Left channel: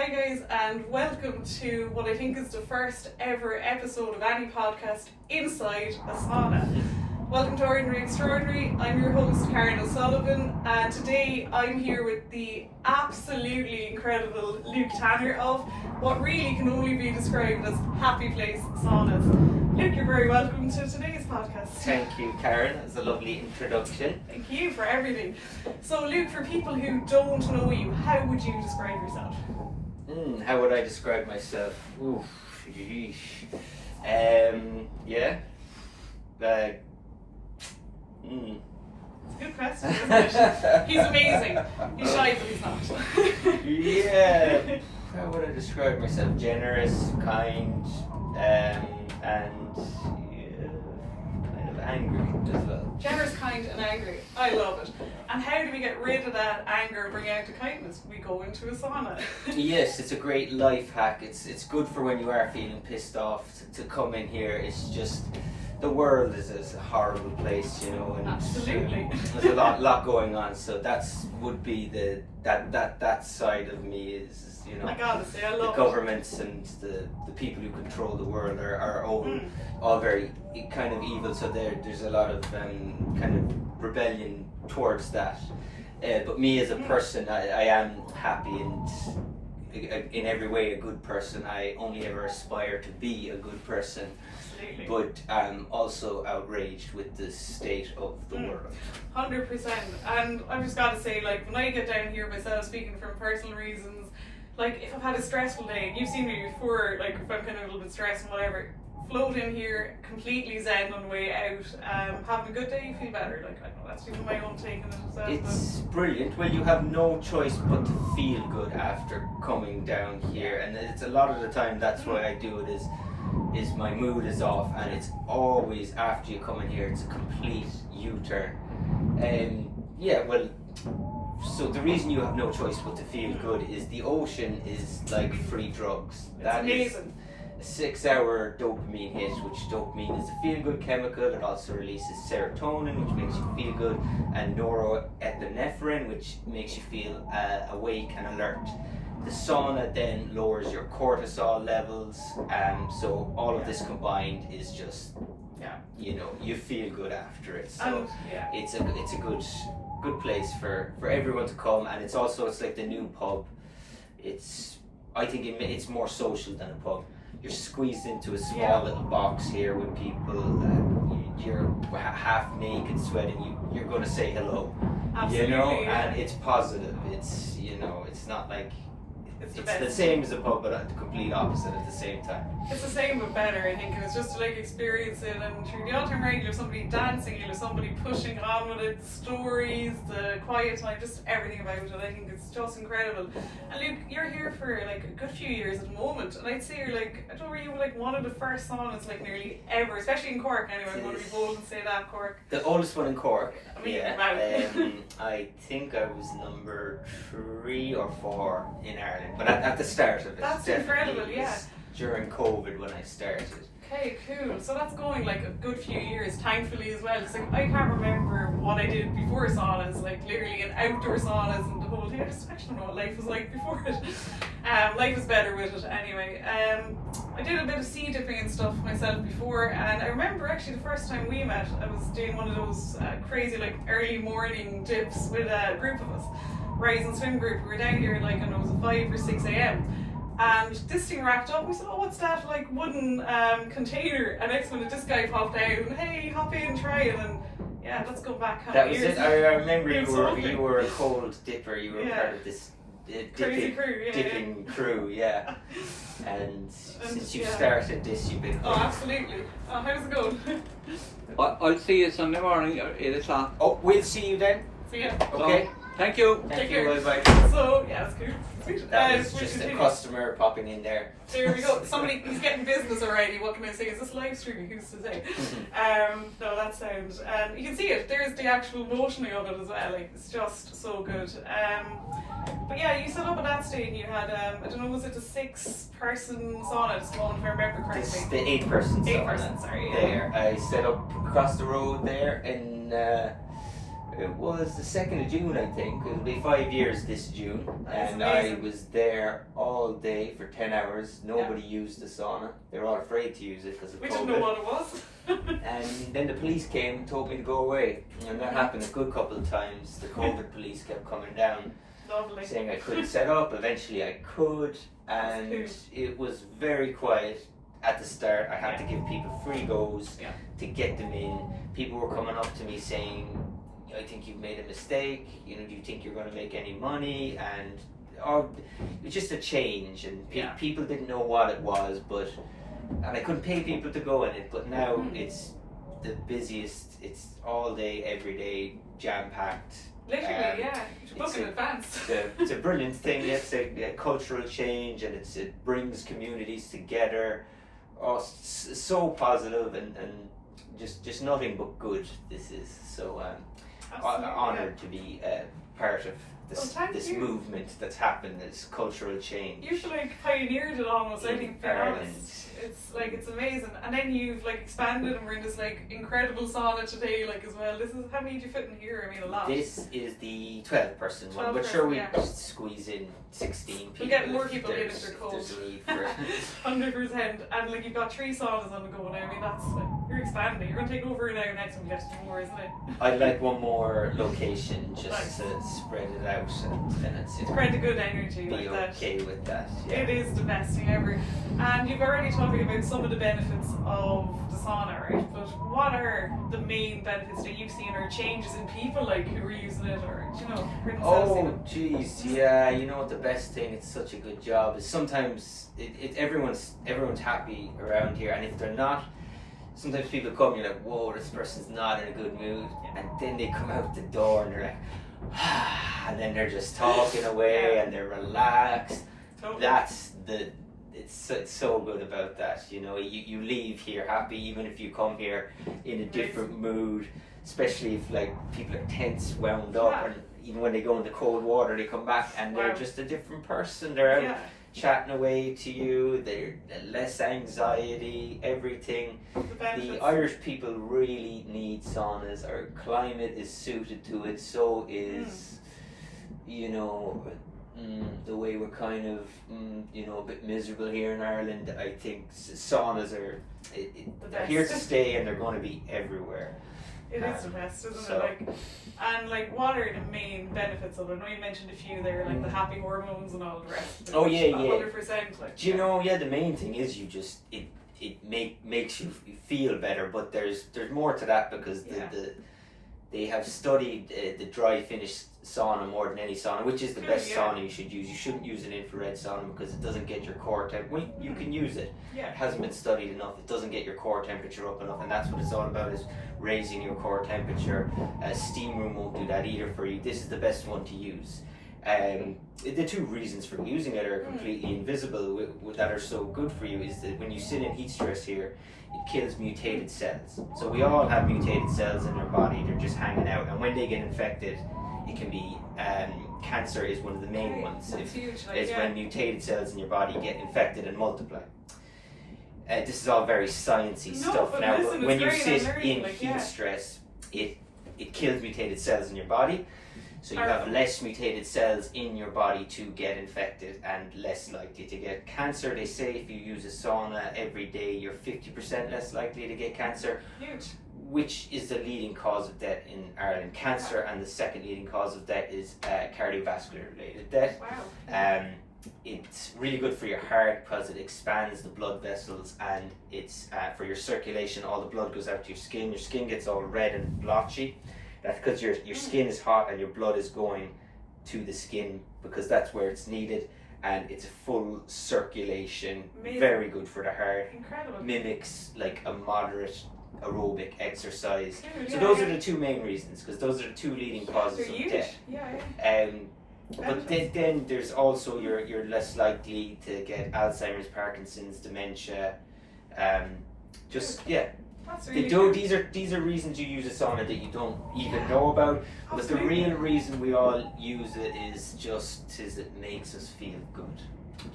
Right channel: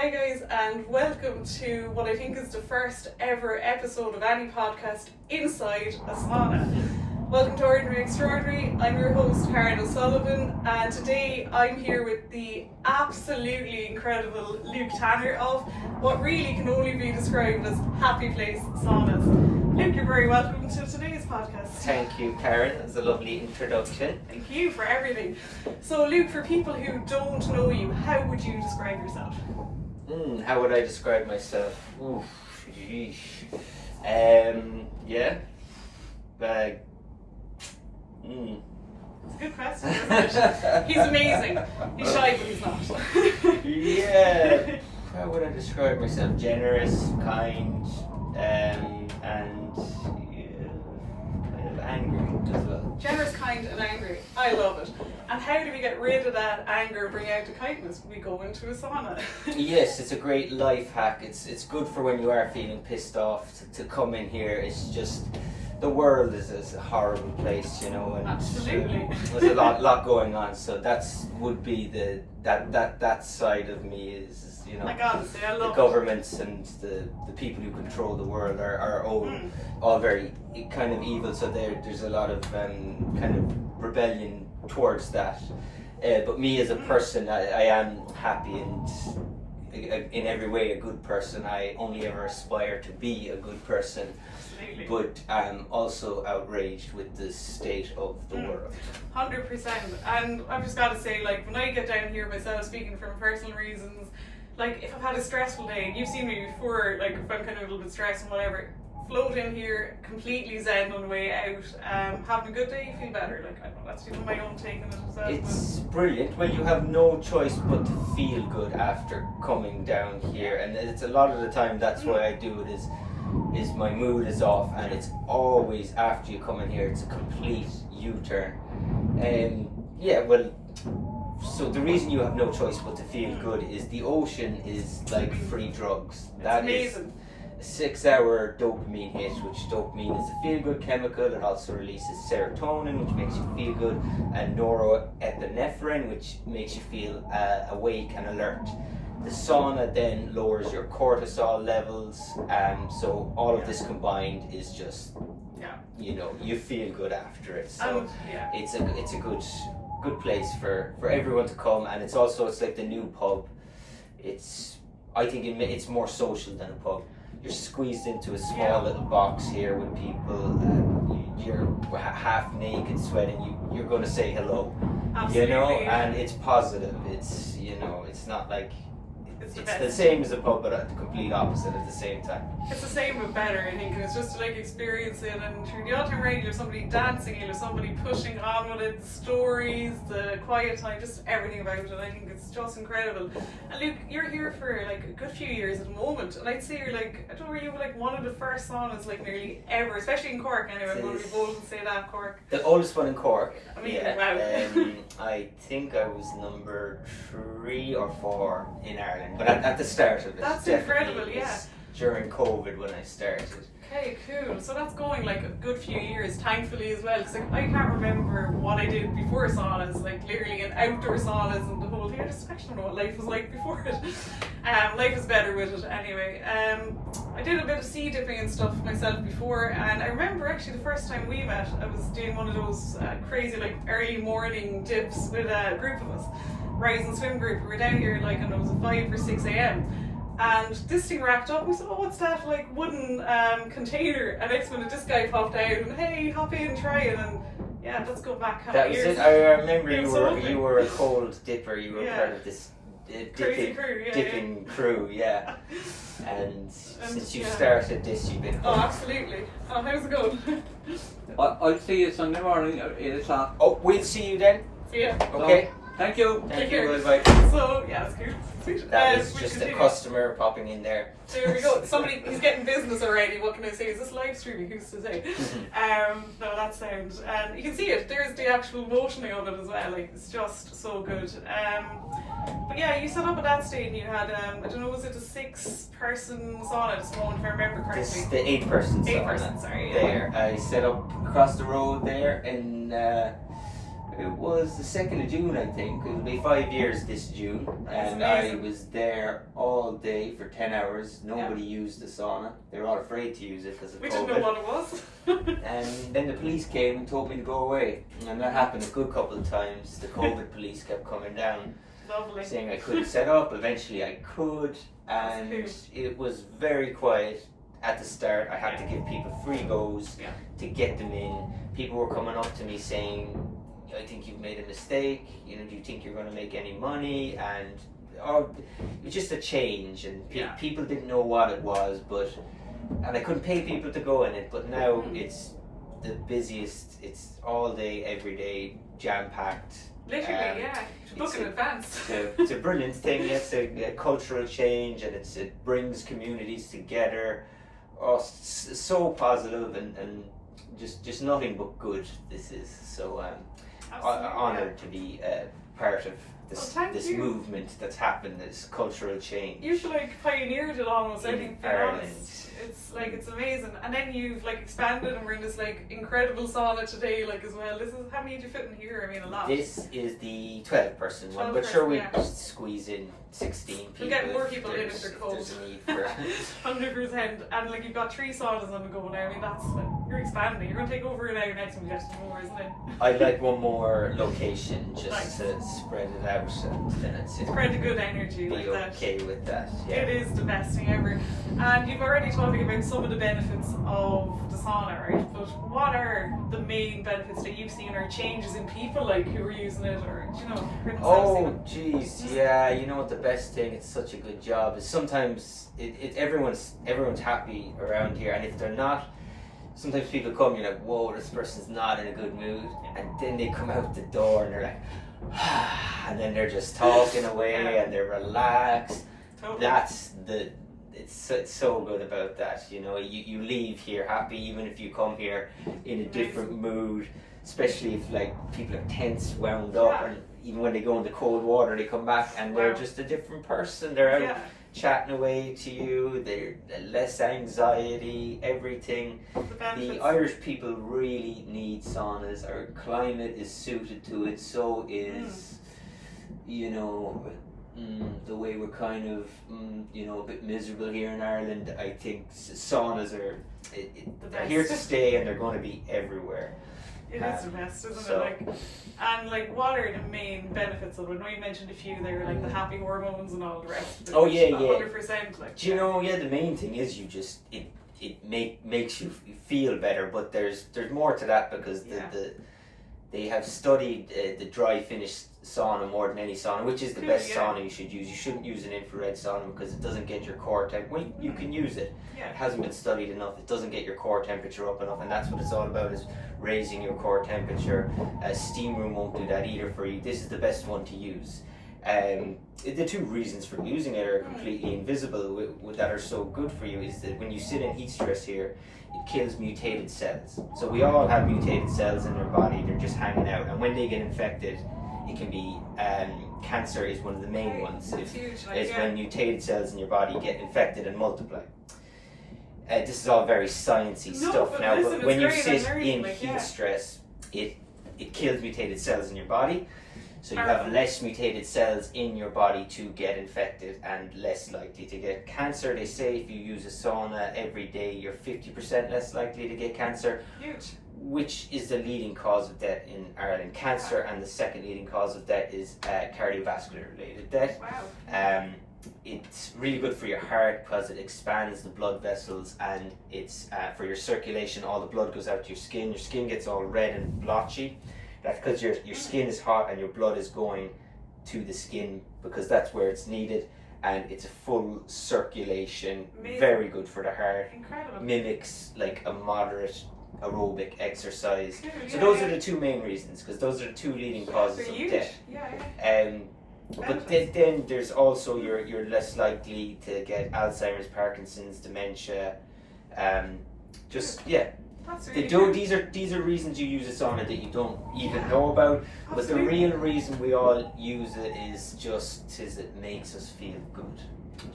Hi guys, and welcome to what I think is the first ever episode of any podcast inside a sauna. Welcome to Ordinary Extraordinary. I'm your host Karen O'Sullivan, and today I'm here with the absolutely incredible Luke Tanner of what really can only be described as Happyplacesaunas. Luke, you're very welcome to today's podcast. Thank you, Karen. That's a lovely introduction. Thank you for everything. So Luke, for people who don't know you, how would you describe yourself? How would I describe myself? Oof, yeesh. Yeah. It's a good question, isn't it? He's amazing. He's shy, but he's not. Yeah. How would I describe myself? Generous, kind, and kind of angry as well. Generous, kind, and angry. I love it. And how do we get rid of that anger and bring out the kindness? We go into a sauna. Yes, it's a great life hack. It's good for when you are feeling pissed off to come in here. It's just, the world is a horrible place, you know, and Absolutely. There's a lot going on. So would be that side of me is you know, Like honestly, I love the governments and the people who control the world are all very kind of evil. So there's a lot of kind of rebellion towards that. But me as a person, I am happy and in every way a good person. I only ever aspire to be a good person. Absolutely. But I'm also outraged with the state of the world. 100%. And I've just got to say, like, when I get down here myself, speaking from personal reasons, like, if I've had a stressful day, and you've seen me before, like, if I'm kind of a little bit stressed and whatever, float in here, completely zen on the way out, having a good day, you feel better. Like, I know that's even my own take on it as well. It's brilliant. Well, you have no choice but to feel good after coming down here, and it's a lot of the time that's why I do it is my mood is off, and it's always after you come in here, it's a complete U-turn. Yeah, well, so the reason you have no choice but to feel good is the ocean is like free drugs. It's amazing. Is a 6-hour dopamine hit, which dopamine is a feel-good chemical. It also releases serotonin, which makes you feel good, and norepinephrine, which makes you feel awake and alert. The sauna then lowers your cortisol levels, so all of this combined is just, you know, you feel good after it. So it's a good place for everyone to come, and it's like the new pub. I think it's more social than a pub. You're squeezed into a small little box here with people, and you're half naked, sweating. You're going to say hello, Absolutely, you know, and it's positive. It's, you know, it's not like it's the same as a pub, but the complete opposite at the same time. It's the same but better, I think. It's just to like experience it, and through the all-time range, there's somebody dancing, there's somebody pushing on with it, the stories, the quiet time, just everything about it. I think it's just incredible. And Luke, you're here for like a good few years at the moment, and I'd say you're like, I don't know, you were like one of the first saunas like nearly ever, especially in Cork anyway. I'm going to be bold and say that, Cork. The oldest one in Cork. I mean, wow. I think I was number 3 or 4 in Ireland, but at the start of it. That's incredible, yeah. During COVID when I started. Okay, cool. So that's going like a good few years, thankfully as well. Because like, I can't remember what I did before saunas, like literally in outdoor saunas and the whole thing. I just actually don't know what life was like before it. Life is better with it anyway. I did a bit of sea dipping and stuff myself before, and I remember actually the first time we met, I was doing one of those crazy like early morning dips with a group of us, Rise and Swim group. We were down here like, I don't know, it was 5 or 6 a.m. And this thing wrapped up, and we said, oh, what's that like wooden container? And next minute this guy popped out and, hey, hop in, try it. And yeah, let's go back half That was years. it. I remember you were a cold dipper. You were part of this dipping crew, yeah. And since you've started this, you've been... Oh, absolutely. Oh, how's it going? I'll see you Sunday morning at 8 o'clock. Oh, we'll see you then. See ya. Okay. Thank you. Thank you. Bye. So, yeah, it's cool. Sweet. That was just a customer popping in there. There we go. Somebody, he's getting business already. What can I say? Is this live streaming? Who's to say? No, that sounds. You can see it. There's the actual motioning of it as well. Like, it's just so good. But yeah, you set up at that stage. You had I don't know, was it a 6-person sauna at this moment, if I remember correctly? It's the 8-person sauna. 8-person, sorry. Yeah. There, I set up across the road there in It was the 2nd of June, I think. It'll be 5 years this June. That is And I amazing. was there all day for 10 hours. Nobody used the sauna. They were all afraid to use it because of We COVID. didn't know what it was. And then the police came and told me to go away. And that happened a good couple of times. The COVID police kept coming down, Lovely. saying I couldn't set up. Eventually I could. And That's it was very quiet at the start. I had to give people free goes Yeah. to get them in. People were coming up to me saying, I think you've made a mistake. You know, do you think you're going to make any money? And it's just a change, and people didn't know what it was, and I couldn't pay people to go in it. But now it's the busiest. It's all day, every day, jam packed. Literally, yeah. You should book in advance. It's a brilliant thing. It's a cultural change, and it brings communities together. Oh, so positive and just nothing but good. This is so. Honoured to be part of this movement that's happened, this cultural change. You should pioneered it almost, I think, being Ireland. honest. It's amazing. And then you've expanded, and we're in this incredible sauna today as well. This is, how many did you fit in here? I mean, a lot. This is the 12-person one, 12 but sure, we person, just squeeze in 16 people. We'll get more people in if there's- they're cold. There's a need for 100%. And you've got 3 saunas on the go now. I mean, that's you're expanding. You're going to take over now next and we'll get some more, isn't it? I'd like one more location just Nice. to spread it out, and then it's Spread the good energy be like that. okay with that. Yeah. It is the best thing ever. And you've already talked about some of the benefits of the sauna, right? But what are the main benefits that you've seen, or changes in people who are using it, or for themselves Oh, even? jeez, yeah. You know what? The best thing, it's such a good job, is sometimes everyone's happy around here, and if they're not, sometimes people come, you're like, whoa, this person's not in a good mood, and then they come out the door and they're like, and then they're just talking away and they're relaxed. Totally. That's it's so good about that. You leave here happy, even if you come here in a different mood, especially if people are tense, wound up, and even when they go into cold water, they come back and they're just a different person. They're out chatting away to you. They're less anxiety, everything. The Irish people really need saunas. Our climate is suited to it. So is the way we're kind of a bit miserable here in Ireland. I think saunas are they're here to stay, and they're going to be everywhere. It is the best, isn't it? And what are the main benefits of it? I know you mentioned a few there, the happy hormones and all the rest. Oh, yeah. 100%. Do you know? Yeah, the main thing is it makes you feel better, but there's more to that, because they have studied the dry finish sauna more than any sauna, which is the best sauna you should use. You shouldn't use an infrared sauna because it doesn't get your core temperature. Well, you can use it. It hasn't been studied enough. It doesn't get your core temperature up enough, and that's what it's all about, is raising your core temperature. A steam room won't do that either for you. This is the best one to use. The 2 reasons for using it are completely invisible that are so good for you, is that when you sit in heat stress here, it kills mutated cells. So we all have mutated cells in our body. They're just hanging out, and when they get infected, it can be cancer is one of the main ones. That's huge. When mutated cells in your body get infected and multiply. This is all very sciencey stuff now, but when you sit in heat stress, it kills mutated cells in your body. So you have less mutated cells in your body to get infected, and less likely to get cancer. They say if you use a sauna every day, you're 50% less likely to get cancer. Huge. Which is the leading cause of death in Ireland. Cancer, and the second leading cause of death is cardiovascular related death. Wow. It's really good for your heart because it expands the blood vessels, and it's for your circulation. All the blood goes out to your skin. Your skin gets all red and blotchy. That's because your skin is hot and your blood is going to the skin, because that's where it's needed, and it's a full circulation. Amazing. Very good for the heart. Incredible. Mimics a moderate aerobic exercise. Dude, So those are the 2 main reasons, because those are the 2 leading causes of huge. death. Yeah. But then there's also you're less likely to get Alzheimer's, Parkinson's, dementia. That's really good. These are reasons you use a sauna that you don't even know about. But the real reason we all use it is it makes us feel good.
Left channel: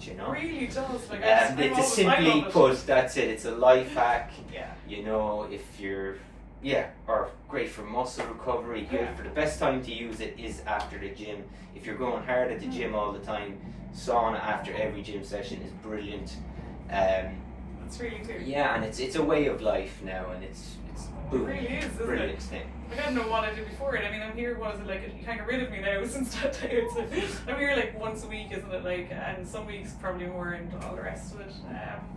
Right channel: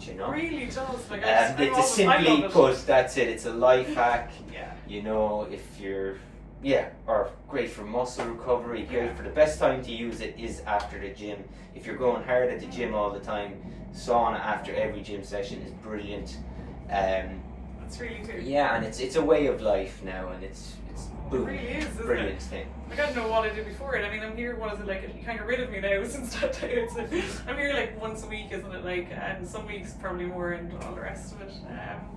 It really does. Simply put, that's it. It's a life hack. Yeah. If you're Yeah, or great for muscle recovery, great for the best time to use it is after the gym. If you're going hard at the gym all the time, sauna after every gym session is brilliant. That's really cool. Yeah, and it's a way of life now, and it's boom, It really is, isn't brilliant it? thing. I don't know what I did before it. I mean, I'm here, what is it, like, you can't get rid of me now since that day. It's like, I'm here like once a week, isn't it, like, and some weeks probably more and all the rest of it.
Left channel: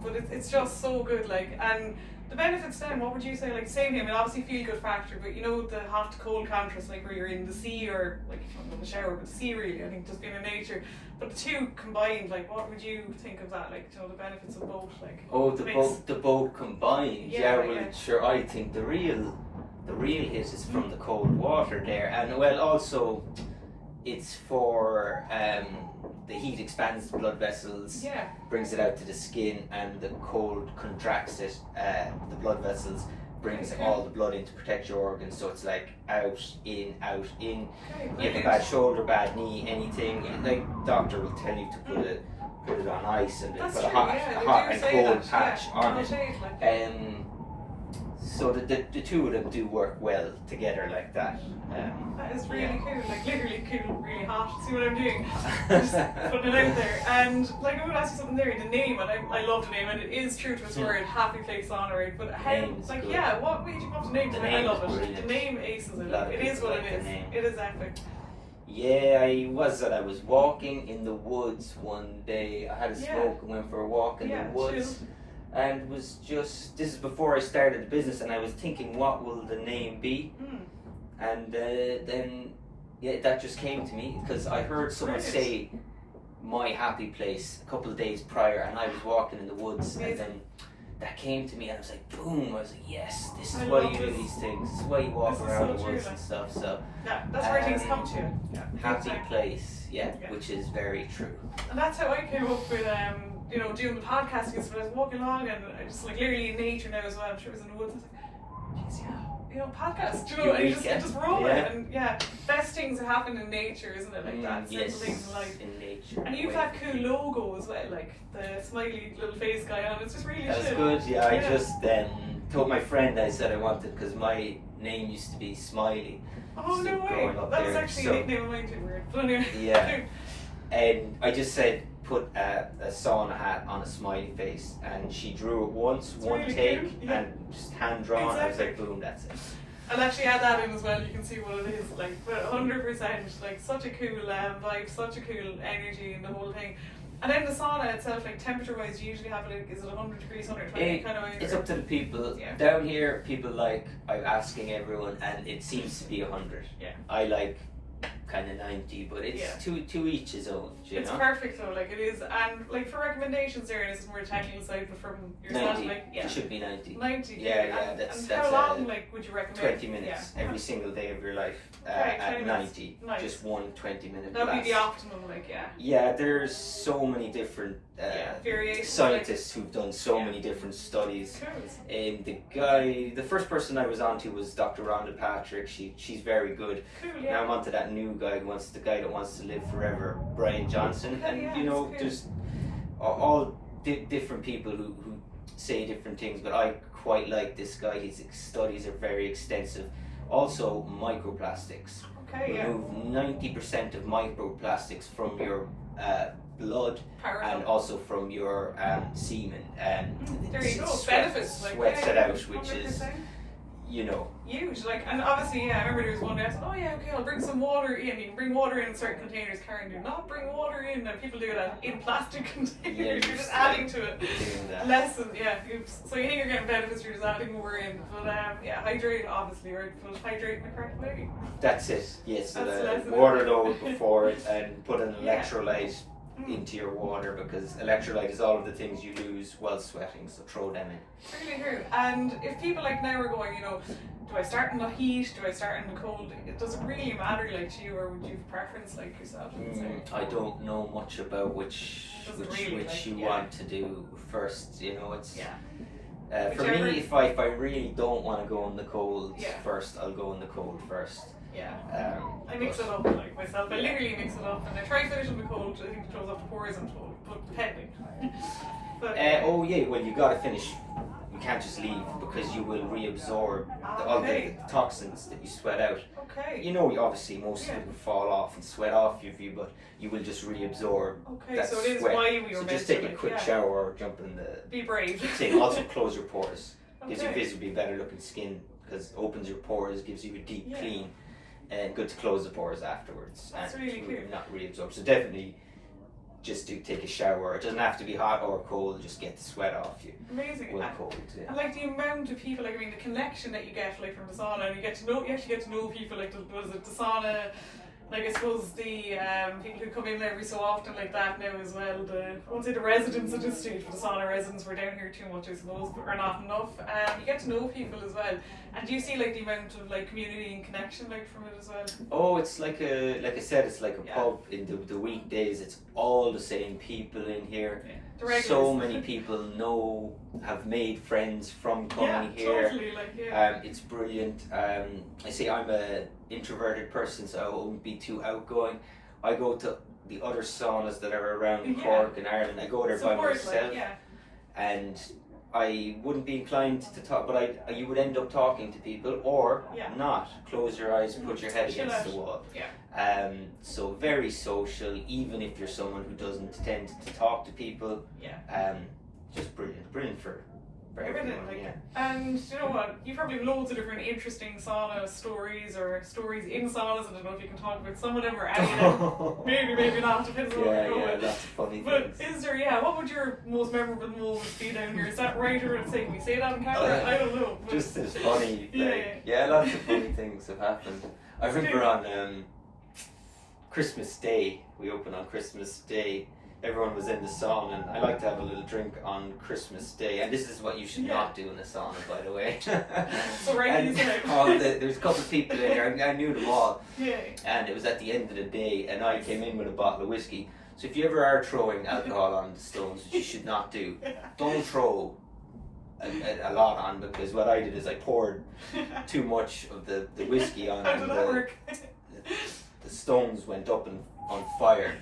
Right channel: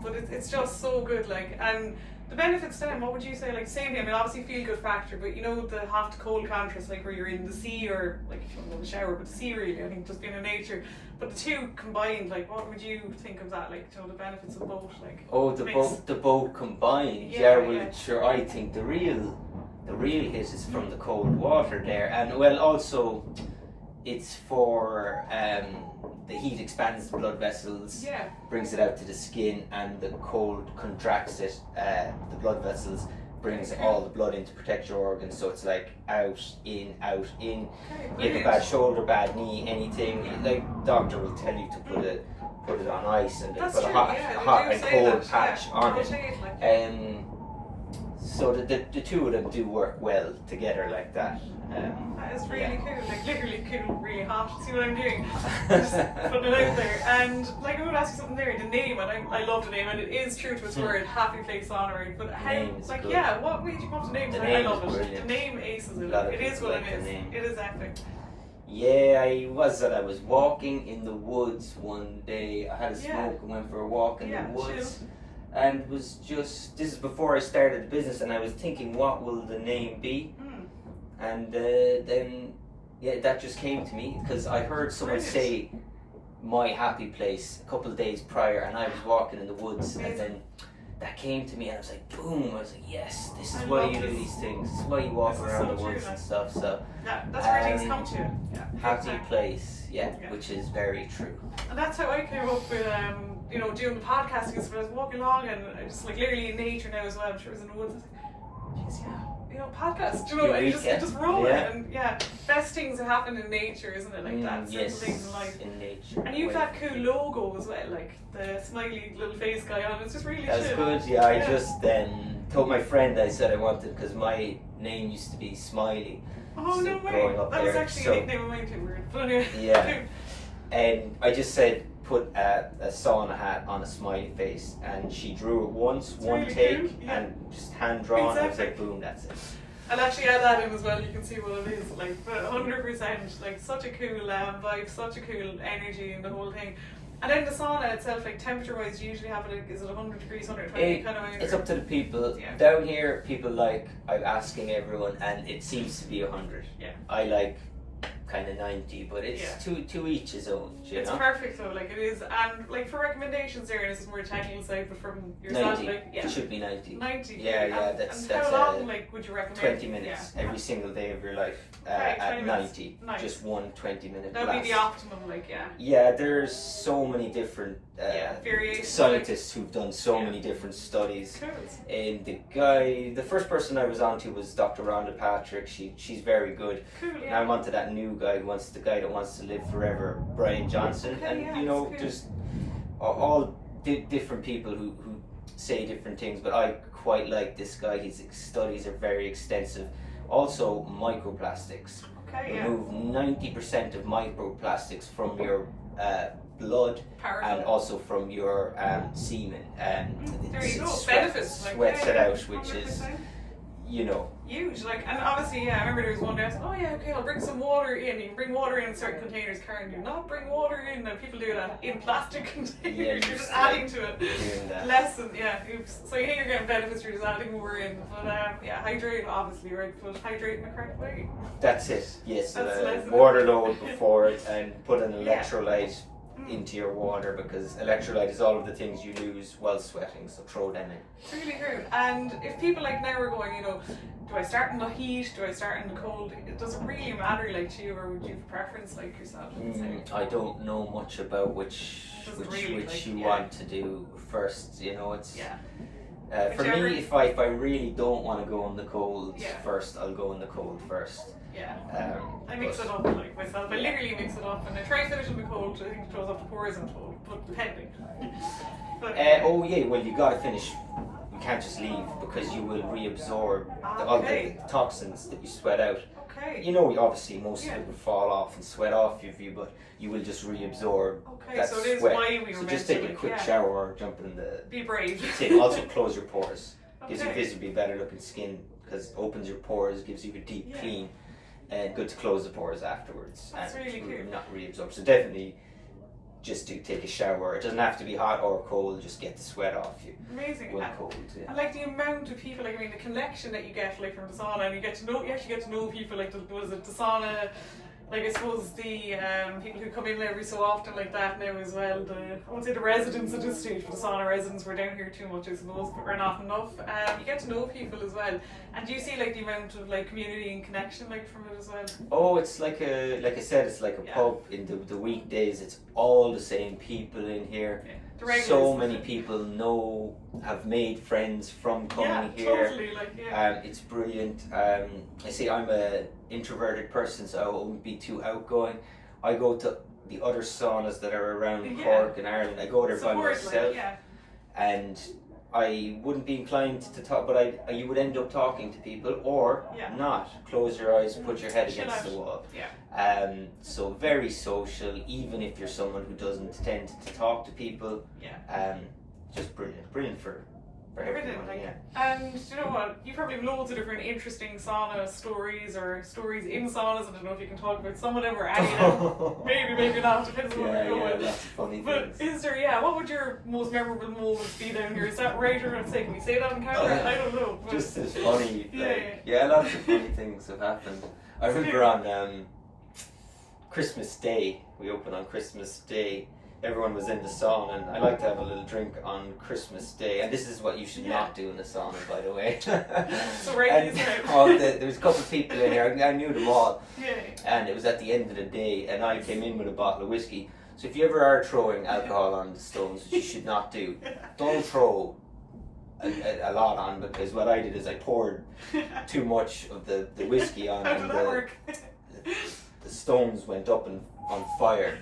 But it's just so good, like, and the benefits then, what would you say, like, same here, I mean, obviously feel good factor, but you know, the hot to cold contrast, like where you're in the sea or, like, if you're in the shower, but the sea really, I think, just being in nature. But the two combined, like, what would you think of that, like, you know, the benefits of both, like? Oh, the both combined. Yeah. Sure, I think the real hit is from the cold water there, and well, also it's for the heat expands the blood vessels, brings it out to the skin, and the cold contracts it. The blood vessels brings all the blood in to protect your organs, so it's like out in. Okay, You have a bad shoulder, bad knee, anything. Like doctor will tell you to put it on ice and they That's put a true, hot and they do say cold that, patch on I'll it. say it like that. So the two of them do work well together like that. That is really cool, like literally cool, really hot. See what I'm doing? Just putting it out there. And like I would ask you something there, the name, and I love the name, and it is true to its word, Happy Place Sauna, right? But how, like, good. what made you come up with the name? The I name love is it. brilliant. The name aces it. Lot of It is people what like it is. the name. It is epic. Yeah, I was walking in the woods one day. I had a smoke and went for a walk in the woods. And was just, this is before I started the business, and I was thinking, what will the name be? And then that just came to me because I heard someone say my happy place a couple of days prior, and I was walking in the woods, and then that came to me, and I was like, boom! I was like, yes, this is why you do these things. This is why you walk around the woods and stuff. So that's where things come to. Happy place, which is very true. And that's how I came up with you know, doing the podcasting. Because when I was walking along, and I just like literally in nature now as well. I'm sure it was in the woods. I was like, geez, you know, podcast. You know, and you just roll it, and best things that happen in nature, isn't it? Like that. Simple things in life. In nature. And you've that cool logo as well, like the smiley little face guy on. It's just really That's chill. good. Yeah, I just told my friend I said I wanted, because my name used to be Smiley. Oh, no way. That was actually a nickname of mine too. Weird. But anyway. Yeah. And I just said, put a sauna hat on a smiley face, and she drew it once, one really take, cool. and just hand drawn. I was like, boom, that's it. I'll actually add that in as well. You can see what it is. Like 100%. Like such a cool vibe, such a cool energy in the whole thing. And then the sauna itself, like temperature-wise, you usually have it. Is it 100 degrees, 120 kind of? It's up to the people. Down here, people like, I'm asking everyone, and it seems to be 100. Yeah. I like kind of 90, but it's to each his own. It's perfect though, like it is. And like for recommendations there, and this is more technical side, but from yourself, 90. like It should be 90. 90. Yeah, and that's how long, like, would you recommend? 20 minutes every single day of your life Right, at 90. Nice. Just one 20-minute That'd blast. be the optimum, like, Yeah, there's so many different variations, scientists who've done so many different studies. Cool. And the first person I was on to was Dr. Rhonda Patrick. She's very good. Cool, Now I'm on to that new guy the guy that wants to live forever, Brian Johnson. Okay, and you know, there's all different people who say different things, but I quite like this guy. His studies are very extensive. Also, microplastics. Okay, Remove 90% of microplastics from your blood. Powerful. And also from your semen. There you go. Benefits. Sweats it out, which is, you know, huge. Like, and obviously, I remember there was one day I said, oh yeah, okay, I'll bring some water in. You can bring water in certain containers. Karen, do not bring water in. And people do that in plastic containers. You're just adding to it. Less than, oops. So you think you're getting benefits, you're just adding more in. But hydrate, obviously, right? But hydrate in the correct way. That's it. Yes. That's water load before it, and put an electrolyte into your water, because electrolyte is all of the things you lose while sweating, so throw them in. Really true. And if people like now are going, you know, do I start in the heat, do I start in the cold, does it really matter, like, to you, or would you have preference, like, yourself? I don't know much about which you want to do first, you know. It's for me, if I really don't want to go in the cold first, I'll go in the cold first. I mix it up, like, myself. I literally mix it up, and I try to finish in the cold. I think it throws up the pores, I'm told, but depending. Well, you gotta finish. You can't just leave because you will reabsorb all the toxins that you sweat out. Okay. You know, obviously most of it will fall off and sweat off you, but you will just reabsorb that so it is sweat. why we were So meant just take to, a quick shower or jump in the be brave thing. Also close your pores. Gives you Okay. visibly better looking skin because it opens your pores, gives you a deep clean, and good to close the pores afterwards. That's and really cool. not reabsorb. So definitely just do take a shower. It doesn't have to be hot or cold, just get the sweat off you. Amazing. When And, cold, yeah. and like the amount of people, like I mean the connection that you get like from the sauna, and you actually get to know people, like what is it, the sauna, like I suppose the people who come in every so often like that now as well, I won't say the residents at this stage, but the sauna residents, we're down here too much I suppose, but we're not enough. You get to know people as well. And do you see like the amount of like community and connection like from it as well? Oh, it's like I said, it's like a pub. In the weekdays, it's all the same people in here. The regulars. So many people have made friends from coming here. Totally, like It's brilliant. I say I'm a introverted person, so I won't be too outgoing. I go to the other saunas that are around Cork and Ireland. I go there by myself, and I wouldn't be inclined to talk, but you would end up talking to people or not. Close your eyes, put your head against the wall. So very social, even if you're someone who doesn't tend to talk to people. Just brilliant for everything. everyone. And you know what? You probably have loads of different interesting sauna stories or stories in saunas. I don't know if you can talk about some of them or any of them. Maybe not. Depends on what you're going. That's funny. But is there? What would your most memorable moments be down here? Is that right or say? Can we say that on camera? I don't know. But just as funny. Lots of funny things have happened. I remember on Christmas Day. We opened on Christmas Day. Everyone was in the sauna, and I like to have a little drink on Christmas Day. And this is what you should not do in the sauna, by the way. So there's a couple of people in here. I knew them all. And it was at the end of the day, and I came in with a bottle of whiskey. So if you ever are throwing alcohol on the stones, which you should not do, don't throw a lot on, because what I did is I poured too much of the whiskey on. How did that work? The stones went up on fire.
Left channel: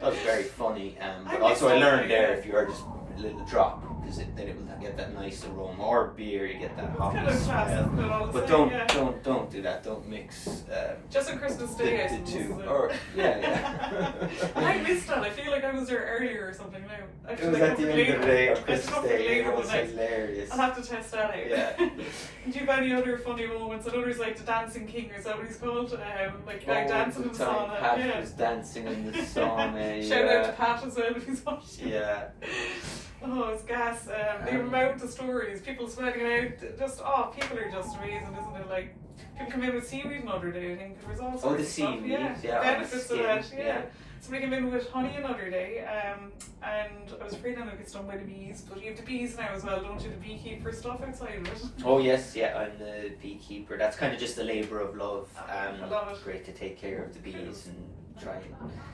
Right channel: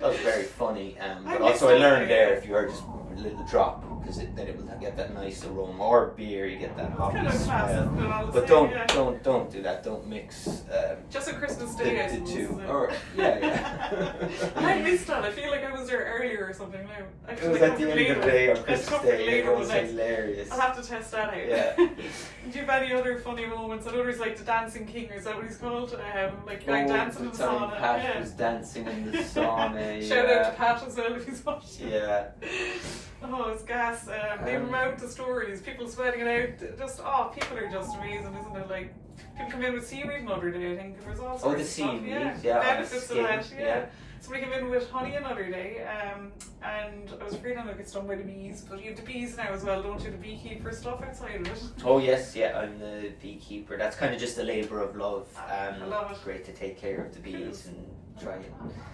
That was very funny, but also I learned there if you are just a little drop, because then it will get that nice aroma. Or beer, you get that hoppy smell. But don't do that. Don't mix. Just on Christmas Day, I suppose. The two. I missed that. I feel like I was there earlier or something now. It was at the end of the day on Christmas Day. It was hilarious. I'll have to test that out. Do you have any other funny moments? I know there's like the Dancing King, is that what he's called? Like dancing in the sauna. Pat was dancing in the sauna. Shout out to Pat as well if he's watching. Oh, it's gas. The amount of stories, people sweating it out. People are just amazing, isn't it? Like, people come in with seaweed another day, I think. There was all sorts of stuff. Benefits of that, Somebody came in with honey another day, and I was afraid I'm going to get stung by the bees, but you have the bees now as well, don't you? The beekeeper stuff outside of it. Oh yes, I'm the beekeeper. That's kind of just a labour of love. I love it. Great to take care of the bees and try and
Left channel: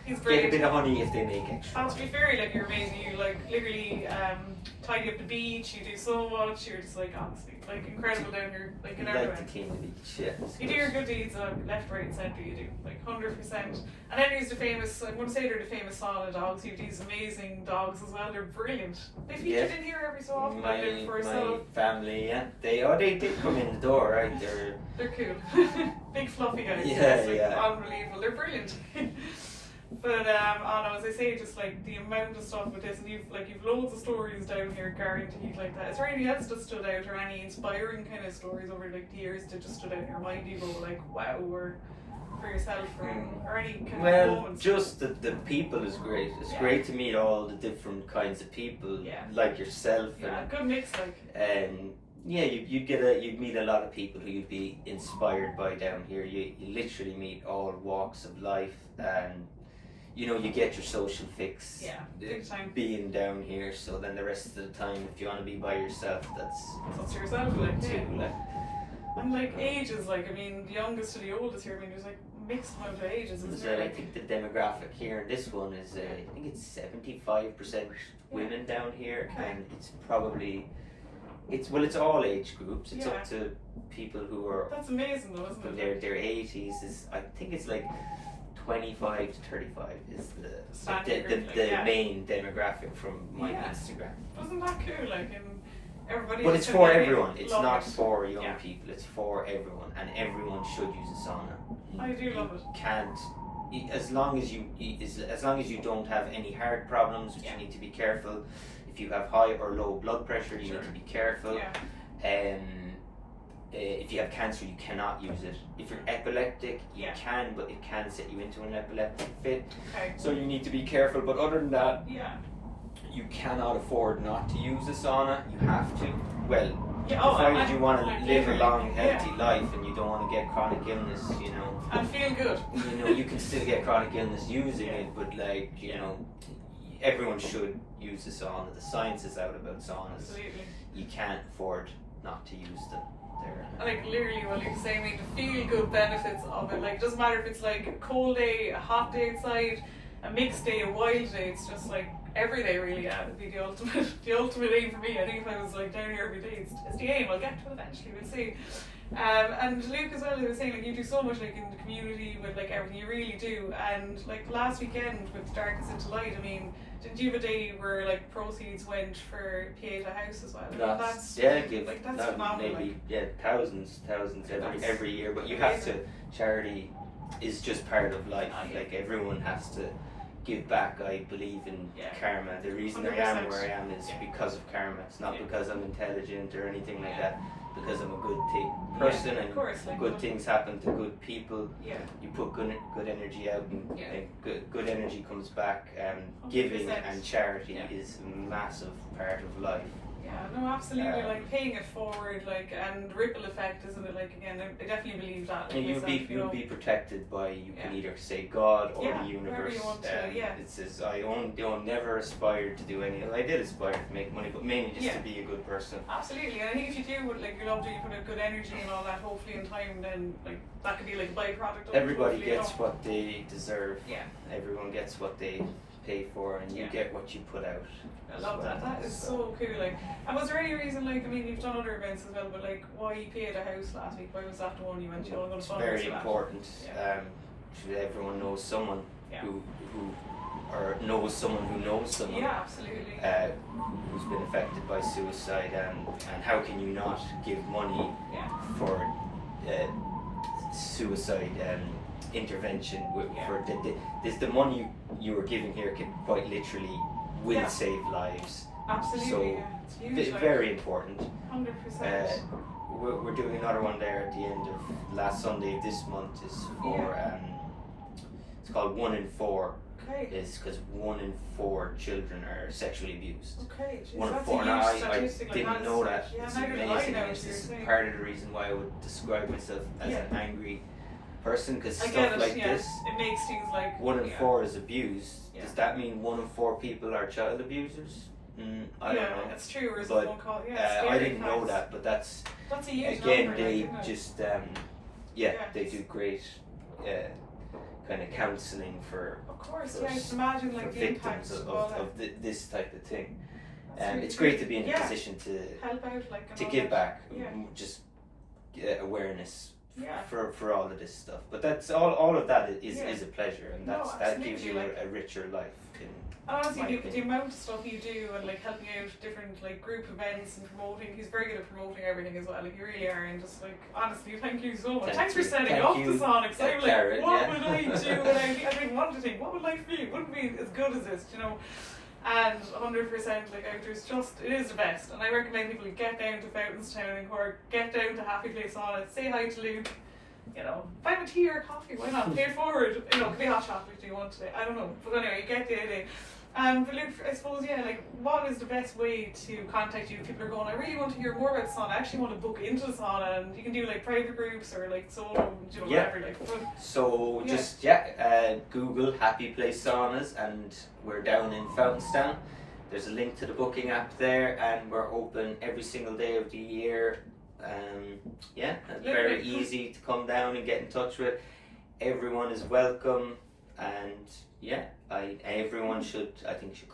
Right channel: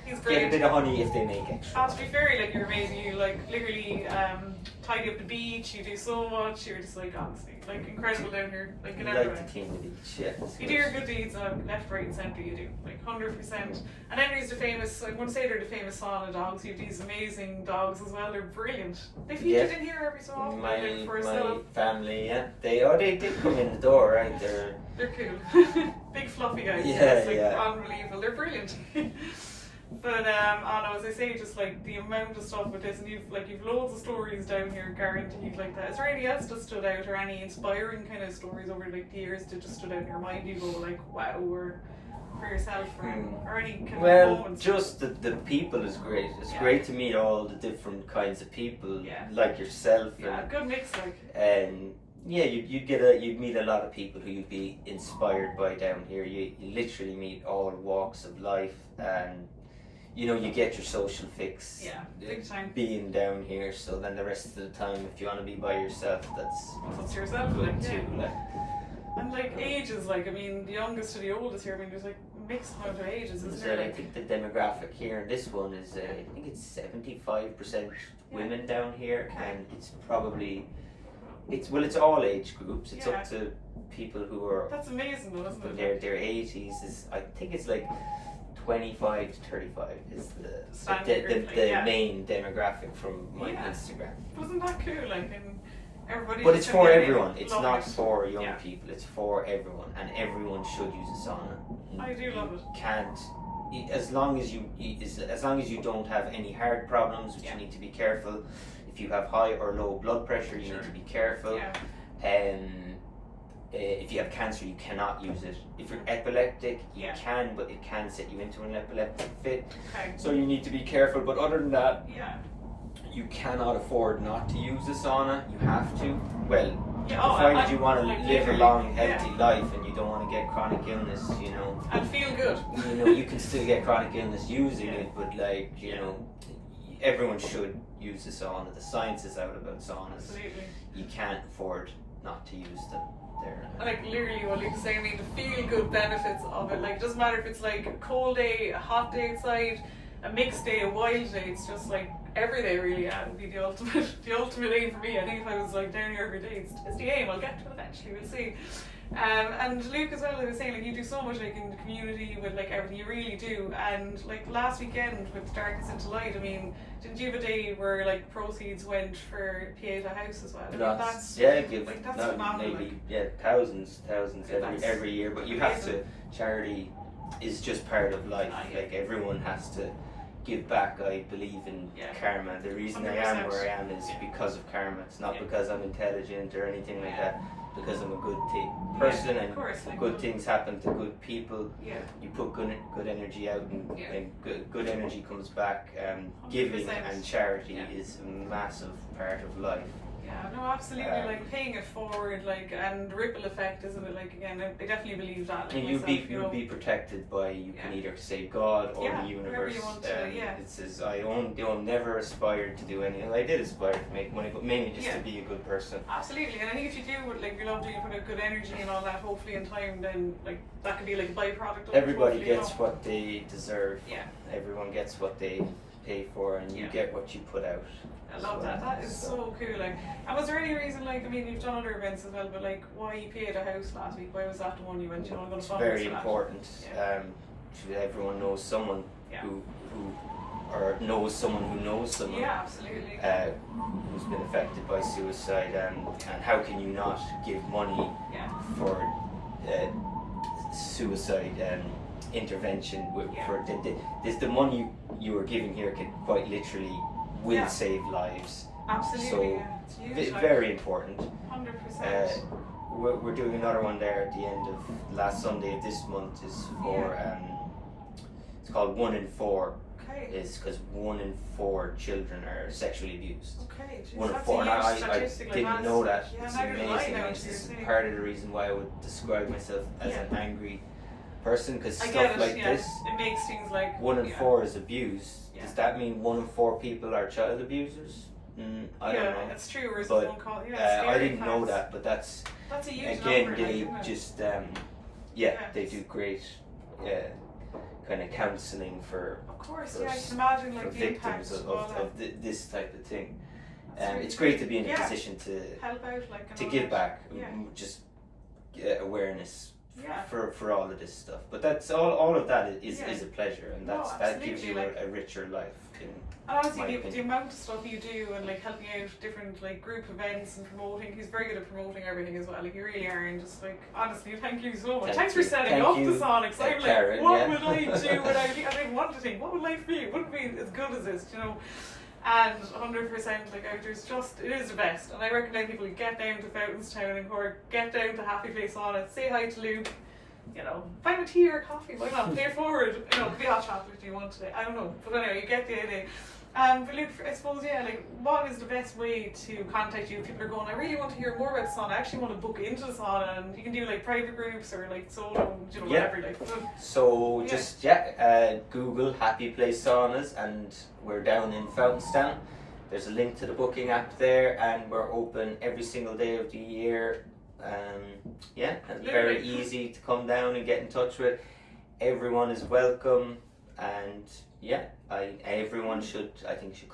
Get a bit of honey if they make extra. To be fair, like you're amazing. You like literally tidy up the beach. You do so much. You're just like honestly, like incredible down here. Like in everywhere. Like to clean the beach, You do your good deeds left, right, and centre. You do like 100%. And then there's the famous. I wouldn't say they're the famous sauna dogs. You have these amazing dogs as well. They're brilliant. They featured in here every so often. My family, they did come in the door, right? They're cool. Big fluffy guys. Unbelievable. They're brilliant. But as I say, just like the amount of stuff with this, and you've loads of stories down here, guaranteed like that. Is there anything else that stood out, or any inspiring kind of stories over like the years that just stood out in your mind? You go like, wow, or for yourself, or any kind of moments? Just the people is great. It's great to meet all the different kinds of people, like yourself. Good mix, like. And you'd meet a lot of people who you'd be inspired by down here. You literally meet all walks of life, and you get your social fix. Big time. Being down here, so then the rest of the time, if you want to be by yourself, that's yourself, good too. And like ages, like I mean, the youngest to the oldest here. I mean, there's like mixed amount of ages. I think the demographic here in this one is I think it's 75% women down here, and it's probably. It's all age groups. It's up to people who are. That's amazing, though, isn't it? Their 80s is. I think it's like 25 to 35 is the main demographic from my Instagram. Wasn't that cool? Like, and everybody. But it's should for get in. everyone. It's Love not it. for young Yeah. people. It's for everyone, and everyone should use a sauna. I do love it. Can't, as long as you don't have any heart problems, which Yeah. you need to be careful. If you have high or low blood pressure, you Sure. need to be careful. Yeah. If you have cancer, you cannot use it. If you're epileptic, you Yeah. can, but it can set you into an epileptic fit. Okay. So you need to be careful. But other than that, Yeah. you cannot afford not to use a sauna. You have to. Well, Yeah. provided you want to like, live a literally, long, healthy life and you don't want to get chronic illness, and feel good. you can still get chronic illness using Yeah. it, but everyone should use a sauna. The science is out about saunas. Absolutely. You can't afford not to use them. And like literally what Luke's saying, I mean, the feel good benefits of it. Like, it doesn't matter if it's like a cold day, a hot day outside, a mixed day, a wild day. It's just like every day, really. Yeah, would be the ultimate aim for me. I think if I was like down here every day, it's the aim. I'll get to it eventually. We'll see. And Luke as well, I was saying, like, you do so much like in the community with like everything, you really do. And like last weekend with Darkness into Light, I mean, did you have a day where like proceeds went for Pieta House as well? I mean, that's phenomenal. Maybe thousands every year. But you have to. Charity is just part of life. Like everyone has to give back. I believe in karma. The reason I am where I am is because of karma. It's not because I'm intelligent or anything like that. Because I'm a good person, and good things happen to good people. Yeah. You put good energy out, and good energy comes back. Giving 100%. and charity is a massive part of life. Yeah, no, absolutely. Like paying it forward, like, and ripple effect, isn't it? Like, again, I definitely believe that. Like, And you'll be protected by can either say God or the universe. You want to, It says I never aspired to do anything. I did aspire to make money, but mainly just to be a good person. Absolutely, and I think if you do, like, you love doing, put out good energy and all that, hopefully in time, then like that could be like a byproduct of Everybody it. gets what they deserve. Yeah. Everyone gets what they pay for, and you get what you put out. I love that. That is so cool. Like, and was there any reason, like, I mean, you've done other events as well, but like, why you paid a house last week? Why was that the one you went? You want to go to fundraise? Very important. Everyone knows someone who or knows someone who knows someone. Yeah, absolutely. Who's been affected by suicide, and how can you not give money for suicide intervention? For the money you are giving here can quite literally will save lives. Absolutely. So it's huge, very important. 100%. We're doing another one there at the end of last Sunday of this month. Is for it's called 1 in 4. Okay. It's because 1 in 4 children are sexually abused. Okay. Jeez, 1 in that's 4. a Now huge I statistic, like, didn't know that. Yeah, It's neither did I amazing. know, This is seriously. part of the reason why I would describe myself as an angry person, because I stuff get it, like yeah. this. It makes things like 1 in 4 is abused. Yeah. Does that mean 1 in 4 people are child abusers? I don't know. That's true. Or is But, it one called? I didn't know that, but that's a huge again number, they like, just they do great kind of counselling for of course, for, I can imagine like for the victims impact of this type of thing. really It's great to good. be in a position to help out, like, and to all give that. back, Yeah. just awareness Yeah. for all of this stuff. But that's all of that is a pleasure, and No, that gives absolutely, you like, a richer life. And honestly, my the opinion. amount of stuff you do and like helping out different like group events and promoting, he's very good at promoting everything as well. Like, you really are, and just like honestly, thank you so much. Thanks for setting up the sauna. Because I'm like, Karen, what would I do without? I didn't want to think, what would life be? It wouldn't be as good as this, you know. And 100%, like, outdoors, it is the best. And I recommend people get down to Fountainstown in Cork, get down to Happyplacesaunas, say hi to Luke. You know, buy a tea or a coffee, why not? Pay it forward. You know, be hot chocolate if you want today. I don't know. But anyway, you get the idea. But Luke, I suppose, like, what is the best way to contact you if people are going, I really want to hear more about the sauna, I actually want to book into the sauna, and you can do like private groups or like solo, you know, whatever. Like, so just Google Happy Place Saunas, and we're down in Fountainstown. There's a link to the booking app there, and we're open every single day of the year. Very easy to come down and get in touch with. Everyone is welcome, and everyone should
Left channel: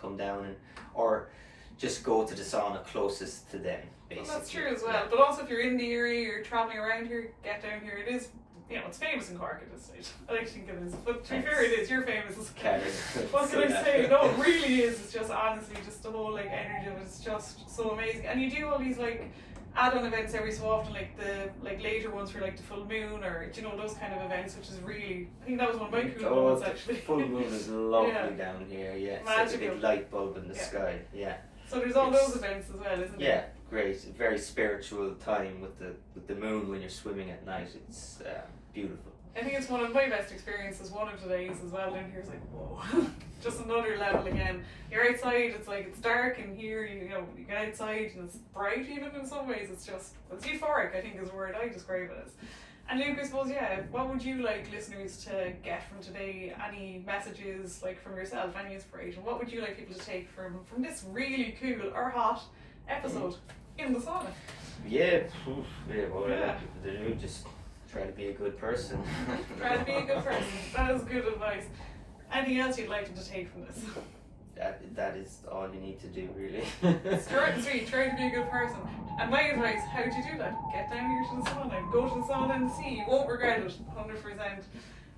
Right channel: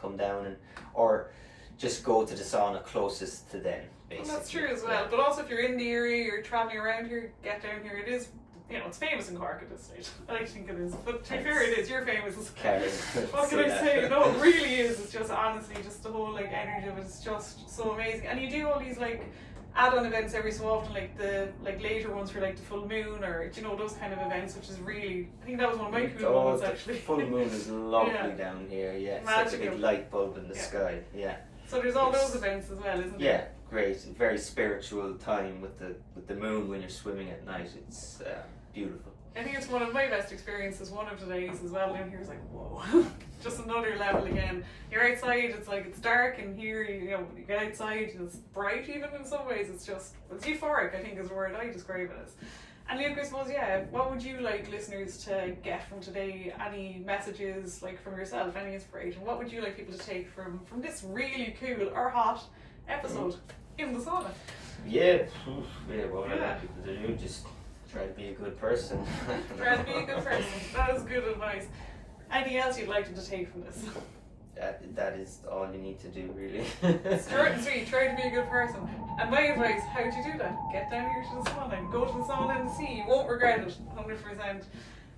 come down or just go to the sauna closest to them, basically. Well, that's true as well. But also, if you're in the area, you're traveling around here, get down here. It is you know, it's famous in Cork at this stage. I think it is. But to be fair, it is. You're famous. Carry. What can I say? No, it really is. It's just honestly, just the whole like energy of it is just so amazing. And you do all these like add-on events every so often, like the like later ones for like the full moon or you know those kind of events, which is really. I think that was one of my cool ones actually. The full moon is lovely down here. Yeah, it's like a big light bulb in the sky. Yeah. So there's all those events as well, isn't Yeah, there? great. Very spiritual time with the moon when you're swimming at night. It's beautiful. I think it's one of my best experiences. One of the days as well down here is like whoa, just another level again. You're outside, it's like it's dark, and here you know you get outside and it's bright even in some ways. It's euphoric. I think is the word I describe it as. And Luke, I suppose, what would you like listeners to get from today? Any messages, like from yourself, any inspiration? What would you like people to take from this really cool or hot episode in the sauna? What I like people to do, just try to be a good person. Try to be a good person. That is good advice. Anything else you'd like them to take from this? That is all you need to do, really. Short and sweet, try to be a good person. And my advice, how do you do that? Get down here to the sauna, go to the sauna and see. You won't regret it, 100%.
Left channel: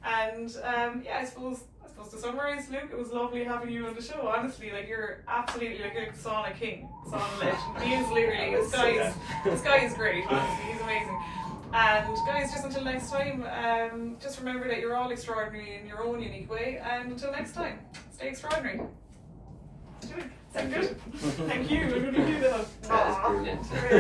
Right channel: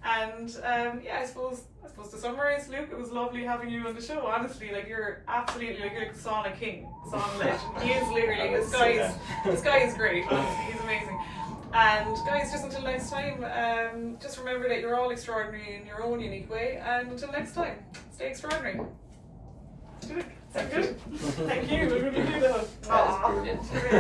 And I suppose to summarise, Luke, it was lovely having you on the show. Honestly, like you're absolutely like you're the sauna king, sauna legend. He is literally this guy is great. Honestly, he's amazing. And guys, just until next time, just remember that you're all extraordinary in your own unique way. And until next time, stay extraordinary. Thank you. Thank you. That really do that. That is brilliant.